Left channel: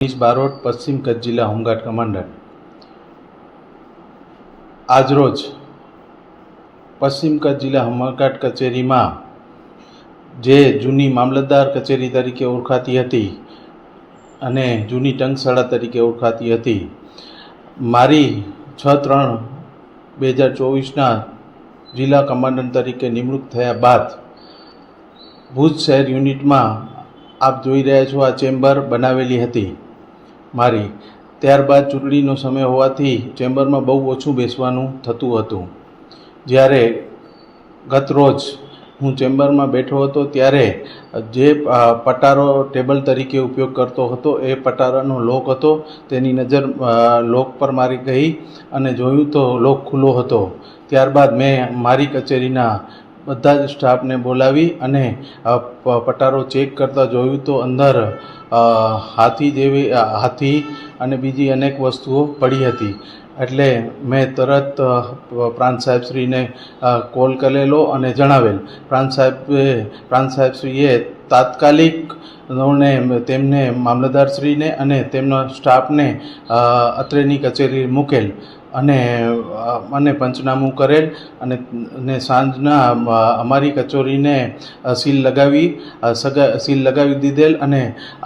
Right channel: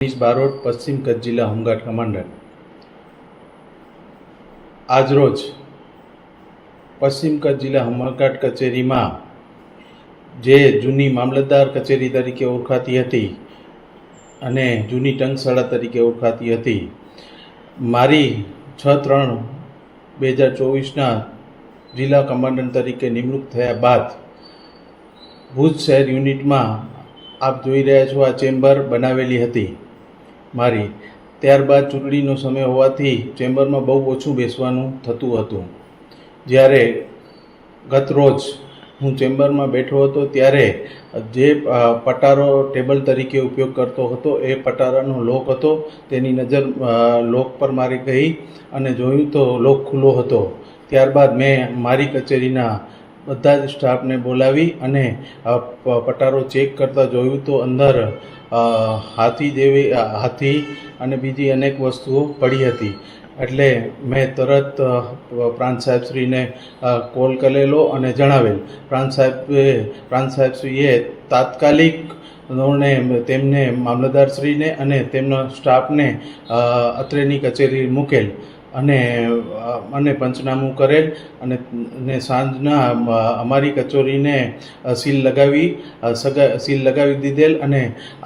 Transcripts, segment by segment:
મનીષ બારોટ, પશ્ચિમ કચ્છ જિલ્લા home guard commander. આજરોજ પશ્ચિમ કચ્છ જિલ્લા હોમગાર્ડ કચેરીમાં જે જૂની મામલતદાર કચેરી તરીકે ઓળખાતી હતી અને જૂની ટંકશાળા તરીકે ઓળખાતી હતી, મારી 6/3/2024ના જિલ્લા કમાન્ડન્ટ તરીકે નિમણૂક થયા બાદ ભુજ શહેર યુનિટમાં આપ જોઈ રહ્યા છો આ ચેમ્બર બનાવેલી હતી મારી. ત્યારબાદ ચૂંટણીનો સમય હોવાથી ચેમ્બરમાં બહુ ઓછું બેસવાનું થતું હતું. જ્યારે ગત રોજ હું ચેમ્બરમાં બેઠો હતો ત્યારે જે પટારો ટેબલ તરીકે ઉપયોગ કરતો હતો એ પટારાનો લોક હતો, તેની નજર લોક પર મારી ગઈ અને જોયું તો લોક ખુલ્લો હતો. ત્યારબાદ મેં મારી કચેરીના બધા જ સ્ટાફને બોલાવી અને પટારો ચેક કરતાં જોયું તો અંદર હાથી અને બીજી અનેક વસ્તુઓ પડી હતી. એટલે મેં તરત પ્રાંત સાહેબશ્રીને કોલ કરેલો અને જણાવેલ. પ્રાંત સાહેબશ્રીએ તાત્કાલિક ધોરણે તેમને મામલતદારશ્રીને અને તેમના સ્ટાફને અત્રેની કચેરી મૂકેલ અને પંચનામું કરેલ અને સાંજના અમારી કચેરીને સીલ લગાવી દીધેલ. અને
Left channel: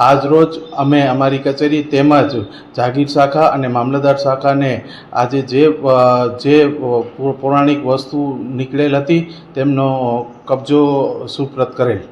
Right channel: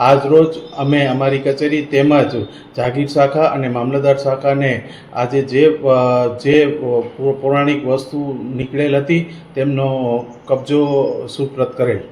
આજ રોજ અમે અમારી કચેરી તેમજ જાગીર શાખા અને મામલતદાર શાખાને આજે જે પૌરાણિક વસ્તુ નીકળેલ હતી તેમનો કબજો સુપ્રત કરેલ.